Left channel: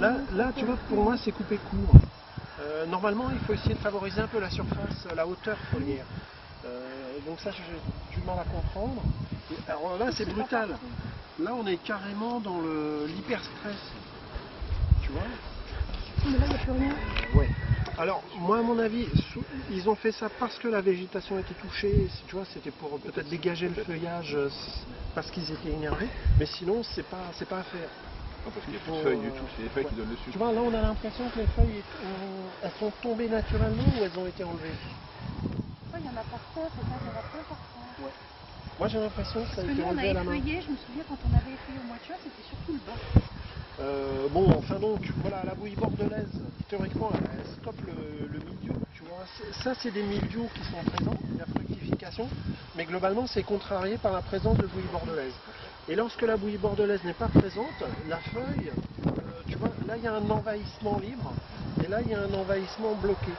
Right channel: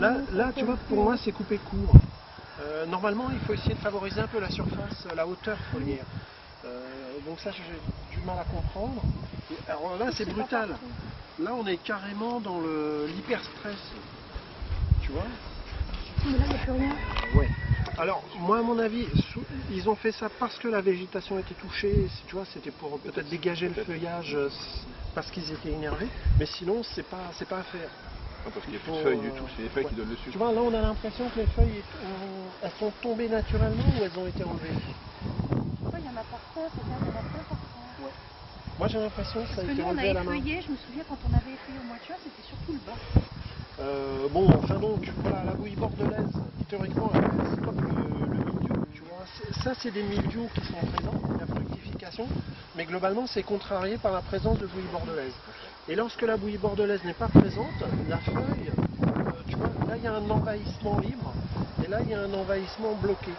Là, tu vois, pour moi, c'est coupé court. Normalement, il faut essayer de favoriser un peu la surface, la hauteur foliaire. Donc ça, j'ai du mal à comprendre. Alors là, c'est brutal. Là, on est carrément dans l'hyperstress. Tu vois? Mais là, il n'y a plus rien. Ouais. Alors, moi, à mon avis, ils ont fait ça parce que la végétation était touchée. Tu vois, c'était pour peut-être dégager le feuillage parce qu'ils étaient énervés. Mais sinon, c'est pas à faire. Non, parce qu'il n'y a plus de feuilles du tout, c'est les feuilles qui donnent le sucre. Tu vois, là, on a l'impression que les feuilles, elles sont tombées naturellement ou elles ont été enlevées. Il y en a par terre, c'est bien, il y en a plein par terre. Ouais. Moi, j'ai l'impression que ça a Parce que été nous, on a enlevé à la main. effeuillé, je me souviens quand on avait effeuillé au mois de juin, c'était surtout le bas. Bon, enfin donc, voilà, la bouillie bordelaise, théoriquement, elle stoppe le mildiou, tu vois. Ça, c'est des mildious qui sont présents, la fructification, mais globalement, c'est contrarié par la présence de bouillie bordelaise. Et lorsque la bouillie bordelaise n'est pas présente, la feuille, tu vois, là, il y a un envahissement libre, et là, il y a un envahissement bloqué.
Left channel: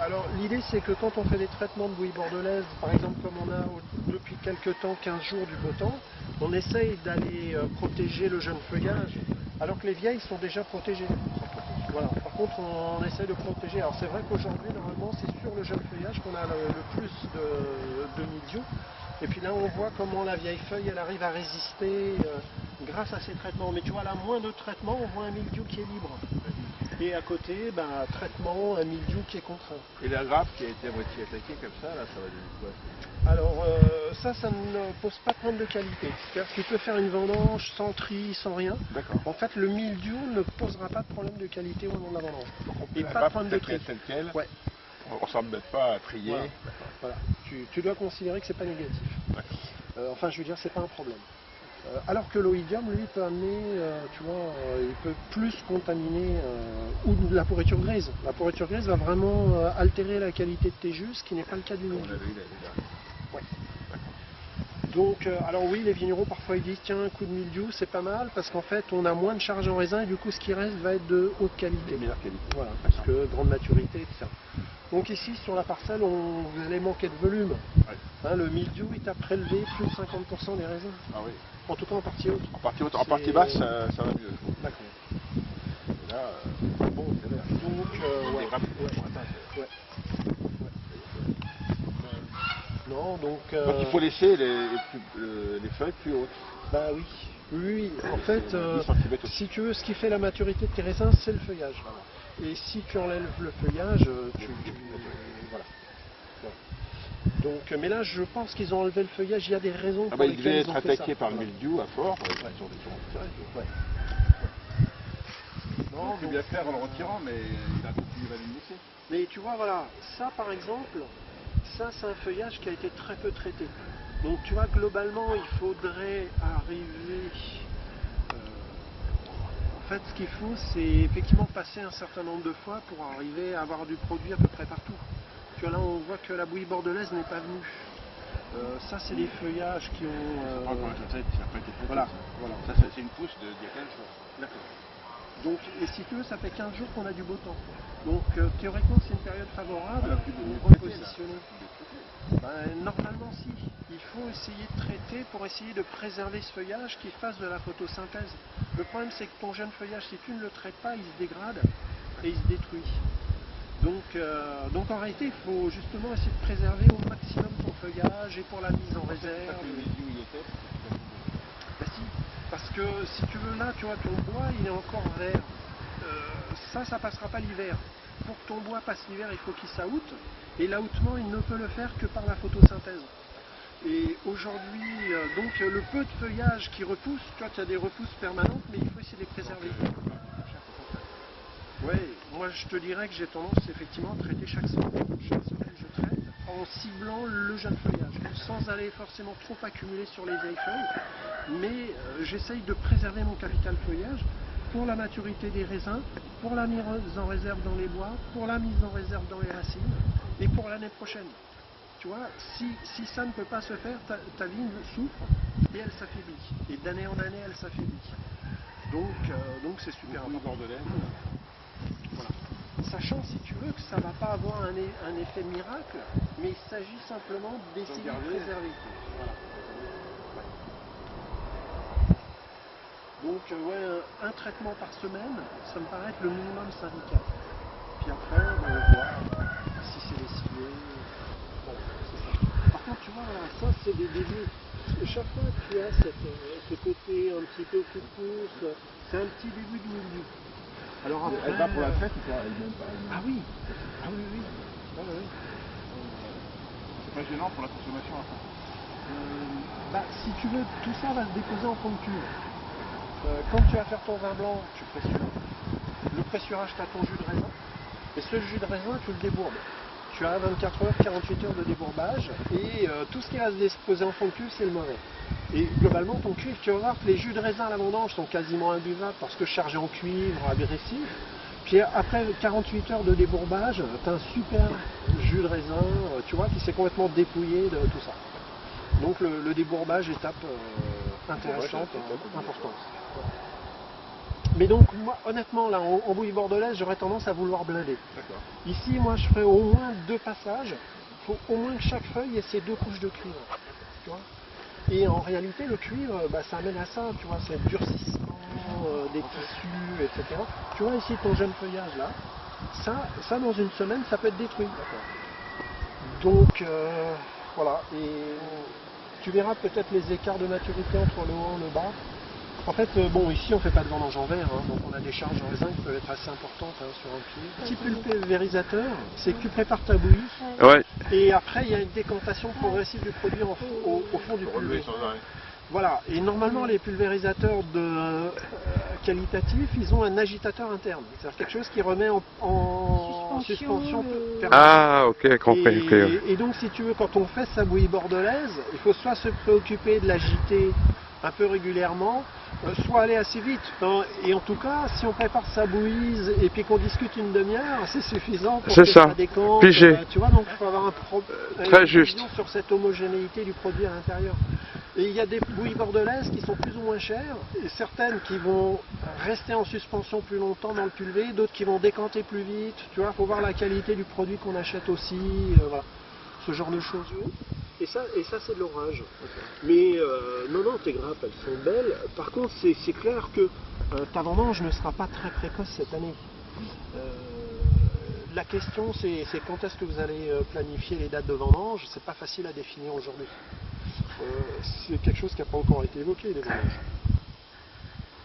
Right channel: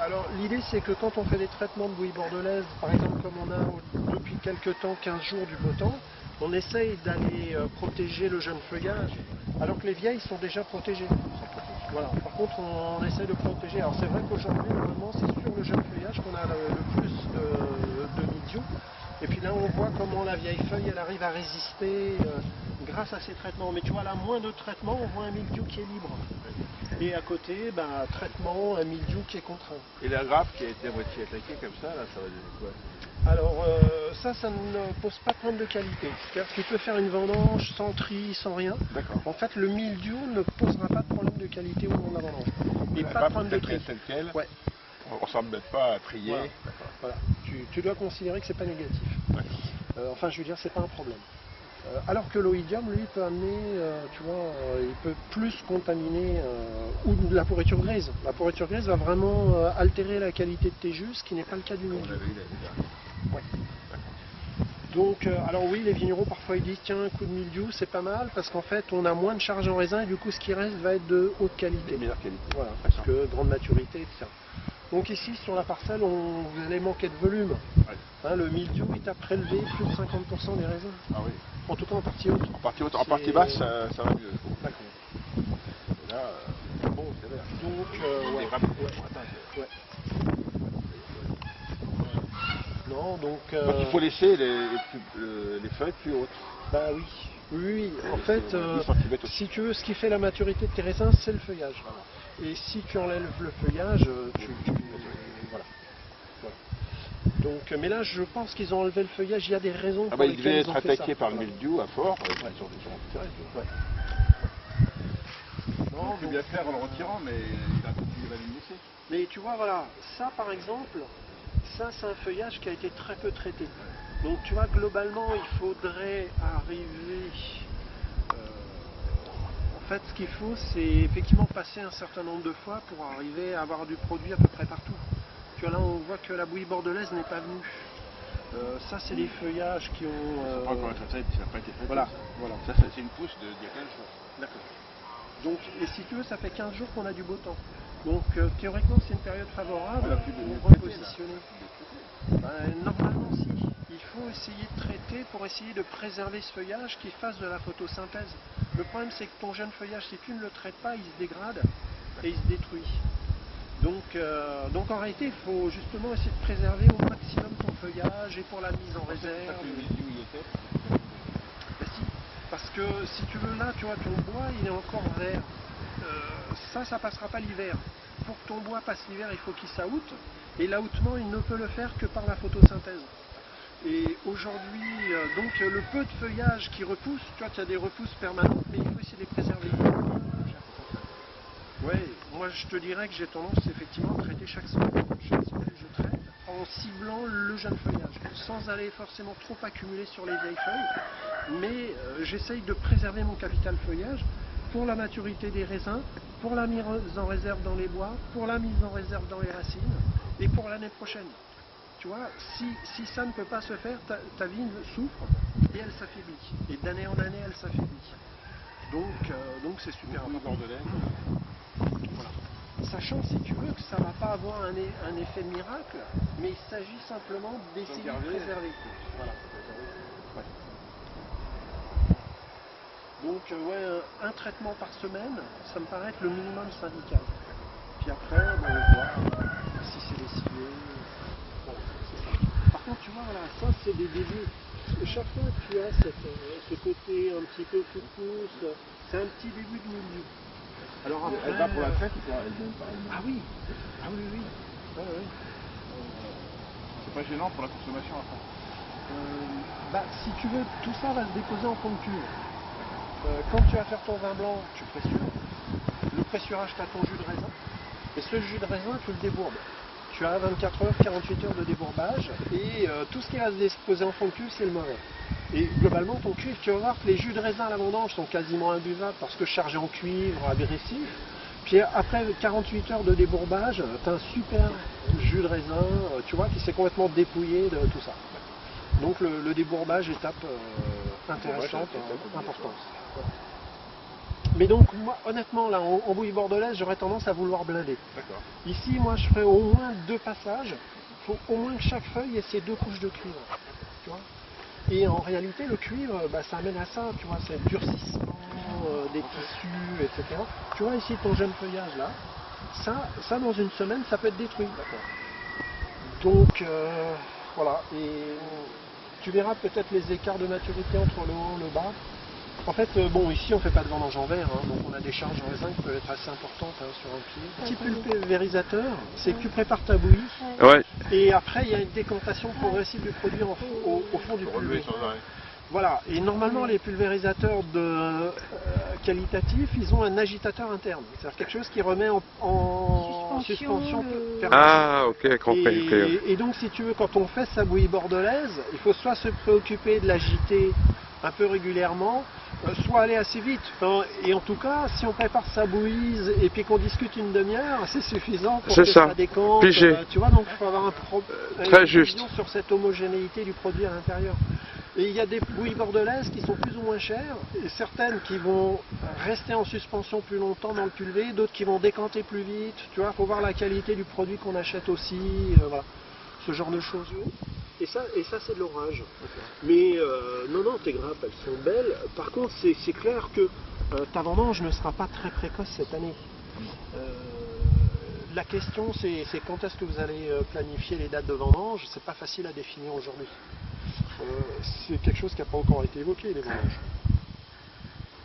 Alors, l'idée, c'est que quand on fait des traitements de bouillie bordelaise, par exemple, comme on a depuis quelques temps, 15 jours du beau temps, on essaye d'aller protéger le jeune feuillage, alors que les vieilles sont déjà protégées. Voilà. Par contre, on essaye de protéger. Alors, c'est vrai qu'aujourd'hui, normalement, c'est sur le jeune feuillage qu'on a le plus de mildiou. Et puis là, on voit comment la vieille feuille, elle arrive à résister grâce à ces traitements. Mais tu vois, là, moins de traitements, on voit un mildiou qui est libre. Et à côté, traitement, un mildiou qui est contraint. Et la grappe qui a été à moitié attaquée comme ça, là, ça va donner quoi? Alors, ça ne pose pas de problème de qualité. C'est-à-dire que tu peux faire une vendange sans tri, sans rien. D'accord. En fait, le mildiou ne posera pas de problème de qualité au moment de la vendange. Et La pas de problème de tri. telle quelle, Ouais. on ne s'embête pas à trier. Voilà. Voilà. Tu dois considérer que c'est pas négatif. Enfin, je veux dire, c'est pas un problème. Alors que l'oïdium, lui, peut amener, tu vois, il peut plus contaminer ou de la pourriture grise. La pourriture grise va vraiment altérer la qualité de tes jus, ce qui n'est pas le cas du mildiou. On avait eu l'année dernière. Ouais. Donc, alors oui, les vignerons parfois ils disent tiens, un coup de mildiou, c'est pas mal parce qu'en fait on a moins de charge en raisin et du coup ce qui reste va être de haute qualité. De meilleure qualité. Voilà, parce que grande maturité, etc. Donc ici sur la parcelle, vous allez manquer de volume. Ouais. Hein, le mildiou il t'a prélevé plus de 50% des raisins. Ah oui. En tout cas en partie haute. En partie haute, en partie basse, ça va mieux. D'accord. Et là, bon, c'est vert. Donc, Des grappes. Ouais. Non, donc. Donc il faut laisser les feuilles plus hautes. Bah oui. Oui, en fait, 10 centimètres aussi. si tu veux, ce qui fait la maturité de tes raisins, c'est le feuillage. Et si tu enlèves le feuillage, voilà. Donc, mais là, je pense qu'ils ont enlevé le feuillage. Il y a des raisons pour Il lesquelles devait ils ont être fait attaqué ça. par le mildiou à fort. Ils ont tiré. Ouais. Non, il peut bien faire en le retirant, mais il a continué à le laisser. Mais tu vois, voilà, ça par exemple, ça c'est un feuillage qui a été très peu traité. Donc tu vois, globalement, il faudrait arriver... en fait, ce qu'il faut, c'est effectivement passer un certain nombre de fois pour arriver à avoir du produit à peu près partout. Tu vois, là, on voit que la bouillie bordelaise n'est pas venue. Ça, c'est des feuillages qui ont... Ça n'a pas encore été traité, ça n'a pas été traité. Voilà. Ça, c'est une pousse d'il y a 15 jours. D'accord. Donc, et si tu veux, ça fait 15 jours qu'on a du beau temps. Donc, théoriquement, c'est une période favorable pour repositionner. Normalement, si. Il faut essayer de traiter pour essayer de préserver ce feuillage qui fasse de la photosynthèse. Le problème, c'est que ton jeune feuillage, si tu ne le traites pas, il se dégrade et il se détruit. Donc en réalité, il faut justement essayer de préserver au maximum ton feuillage et pour la mise en réserve. Ben si, parce que si tu veux là, tu vois, ton bois, il est encore vert. Ça passera pas l'hiver. Pour que ton bois passe l'hiver, il faut qu'il s'aoûte. Et l'aoutement, il ne peut le faire que par la photosynthèse. Et aujourd'hui, donc le peu de feuillage qui repousse, tu vois, tu as des repousses permanentes, mais il faut essayer de les préserver. Ouais, moi je te dirais que j'ai tendance effectivement à traiter chaque semaine. Chaque semaine je traite en ciblant le jeune feuillage, sans aller forcément trop accumuler sur les vieilles feuilles, mais j'essaye de préserver mon capital feuillage pour la maturité des raisins, pour la mise en réserve dans les bois, pour la mise en réserve dans les racines, et pour l'année prochaine. Tu vois, si ça ne peut pas se faire, ta vigne souffre et elle s'affaiblit. Et d'année en année, elle s'affaiblit. Donc c'est super important. Voilà. Sachant, si tu veux, que ça ne va pas avoir un effet miracle, mais il s'agit simplement d'essayer de préserver. Voilà. Ouais. Donc ouais, un traitement par semaine, ça me paraît être le minimum syndical. Puis après, ben, on voit si c'est lessivé. Voilà, c'est ça. Par contre, tu vois, voilà, ça c'est des débuts. Chaque fois que tu as ce côté un petit peu coup de pouce, c'est un petit début de milieu. Alors après, Elle va pour la traite ou pas elle-même pas elle-même. Ah oui, ah oui, oui. Ouais, ouais. C'est pas gênant pour la consommation après. Bah, si tu veux, tout ça va se déposer en fond de cuve. Quand tu vas faire ton vin blanc, tu pressures. Le pressurage, tu as ton jus de raisin. Et ce jus de raisin, tu le débourbes. Tu as 24 heures, 48 heures de débourbage. Et tout ce qui va se déposer en fond de cuve, c'est le mauvais. Et globalement, ton cuivre, tu vas voir que les jus de raisin à la vendange sont quasiment imbuvables parce que chargés en cuivre, agressif. Puis après 48 heures de débourbage, tu as un super jus de raisin, tu vois, qui s'est complètement dépouillé de tout ça. Donc le débourbage, étape intéressante, importante. Mais donc, moi, honnêtement, là, en bouillie bordelaise, j'aurais tendance à vouloir blinder. D'accord. Ici, moi, je ferais au moins 2 passages. Il faut au moins que chaque feuille ait ses 2 couches de cuivre. Tu vois. Et en réalité, le cuivre, bah, ça amène à ça, tu vois, c'est le durcissement des tissus, etc. Tu vois ici ton jeune feuillage là, ça dans une semaine, ça peut être détruit. Donc, voilà. Et tu verras peut-être les écarts de maturité entre le haut et le bas. En fait, bon, ici on ne fait pas de vendange en verre, hein, donc on a des charges en raisin qui peuvent être assez importantes hein, sur un cuivre. Petit pulvérisateur, c'est que tu prépares ta bouillie, Ouais. et après il y a une décantation progressive du produit au fond du Relever pulvé. sans arrêt. Voilà, et normalement les pulvérisateurs qualitatifs, ils ont un agitateur interne, c'est-à-dire quelque chose qui remet en suspension permanente. Ah, ok, compris. ok. Et donc si tu veux, quand on fait sa bouillie bordelaise, il faut soit se préoccuper de l'agiter un peu régulièrement, soit aller assez vite. Enfin, et en tout cas, si on prépare sa bouillie et puis qu'on discute une demi-heure, c'est suffisant pour C'est que ça. ça décante. Pigé. Tu vois, donc il faut avoir Très une juste. vision sur cette homogénéité du produit à l'intérieur. Et il y a des bouillies bordelaises qui sont plus ou moins chères, et certaines qui vont rester en suspension plus longtemps dans le pulvé, d'autres qui vont décanter plus vite. Tu vois, il faut voir la qualité du produit qu'on achète aussi. Voilà. Ce genre de choses. Et ça c'est de l'orage. Mais non, tes grappes, elles sont belles. Par contre, c'est clair que ta vendange ne sera pas très précoce cette année. La question, c'est quand est-ce que vous allez planifier les dates de vendange. C'est pas facile à définir aujourd'hui. C'est quelque chose qui n'a pas encore été évoqué, les vendanges.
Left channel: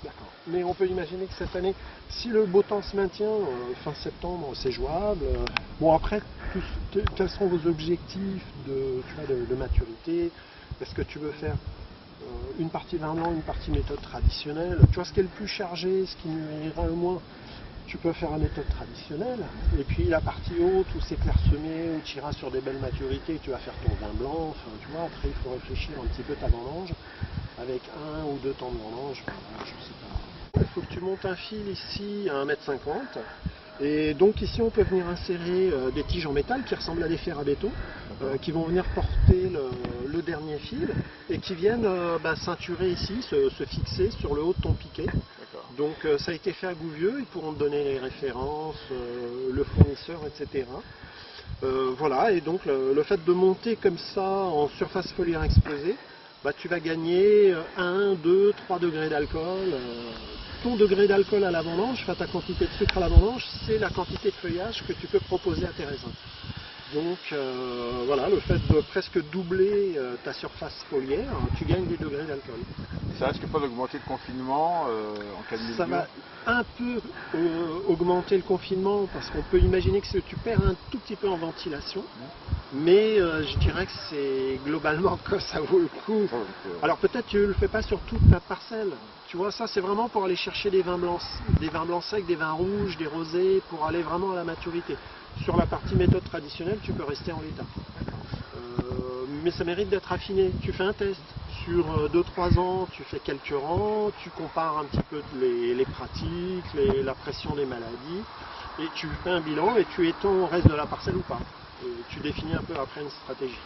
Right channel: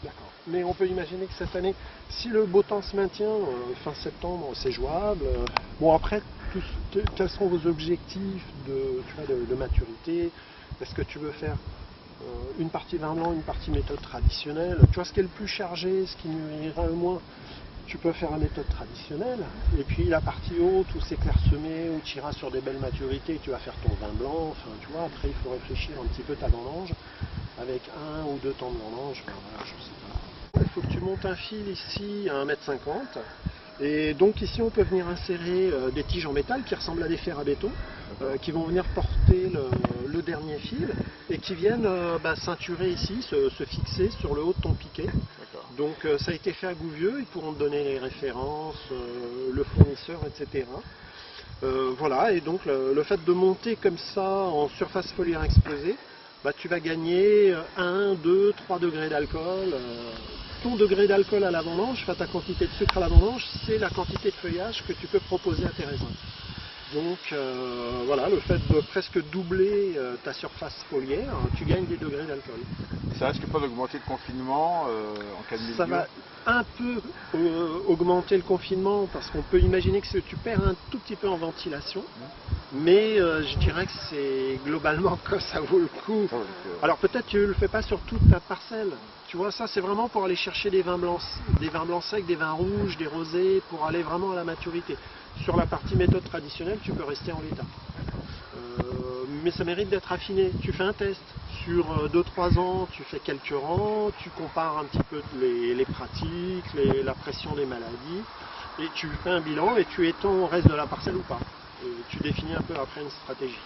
D'accord. Mais on peut imaginer que cette année, si le beau temps se maintient, fin septembre, c'est jouable. Bon, après, quels sont vos objectifs de maturité? Est-ce que tu veux faire une partie vin blanc, une partie méthode traditionnelle? Tu vois, ce qui est le plus chargé, ce qui ira le moins, tu peux faire la méthode traditionnelle. Et puis la partie haute, où c'est clairsemé, où tu iras sur des belles maturités, tu vas faire ton vin blanc. Enfin, tu vois, après, il faut réfléchir un petit peu ta vendange, avec 1 ou 2 temps de vendange. Enfin, voilà, je sais pas. Il faut que tu montes un fil ici à 1,50 m. Et donc ici on peut venir insérer des tiges en métal qui ressemblent à des fers à béton, qui vont venir porter le dernier fil et qui viennent ceinturer ici, se fixer sur le haut de ton piquet. Donc ça a été fait à Gouvieux, ils pourront te donner les références, le fournisseur, etc. Voilà, et donc le fait de monter comme ça en surface foliaire exposée, tu vas gagner 1, 2, 3 degrés d'alcool. Ton degré d'alcool à la vendange, enfin ta quantité de sucre à la vendange, c'est la quantité de feuillage que tu peux proposer à tes raisins. Donc voilà, le fait de presque doubler ta surface foliaire, tu gagnes des degrés d'alcool. Ça risque pas d'augmenter le confinement en cas de milieu? Ça va un peu augmenter le confinement parce qu'on peut imaginer que tu perds un tout petit peu en ventilation. Mais je dirais que c'est globalement que ça vaut le coup. Alors peut-être tu ne le fais pas sur toute ta parcelle. Tu vois, ça c'est vraiment pour aller chercher des vins blancs secs, des vins rouges, des rosés, pour aller vraiment à la maturité. Sur la partie méthode traditionnelle, tu peux rester en l'état. Mais ça mérite d'être affiné. Tu fais un test. Sur 2-3 ans, tu fais quelques rangs, tu compares un petit peu les pratiques, la pression des maladies, et tu fais un bilan et tu étends au reste de la parcelle ou pas. Et tu définis un peu après une stratégie.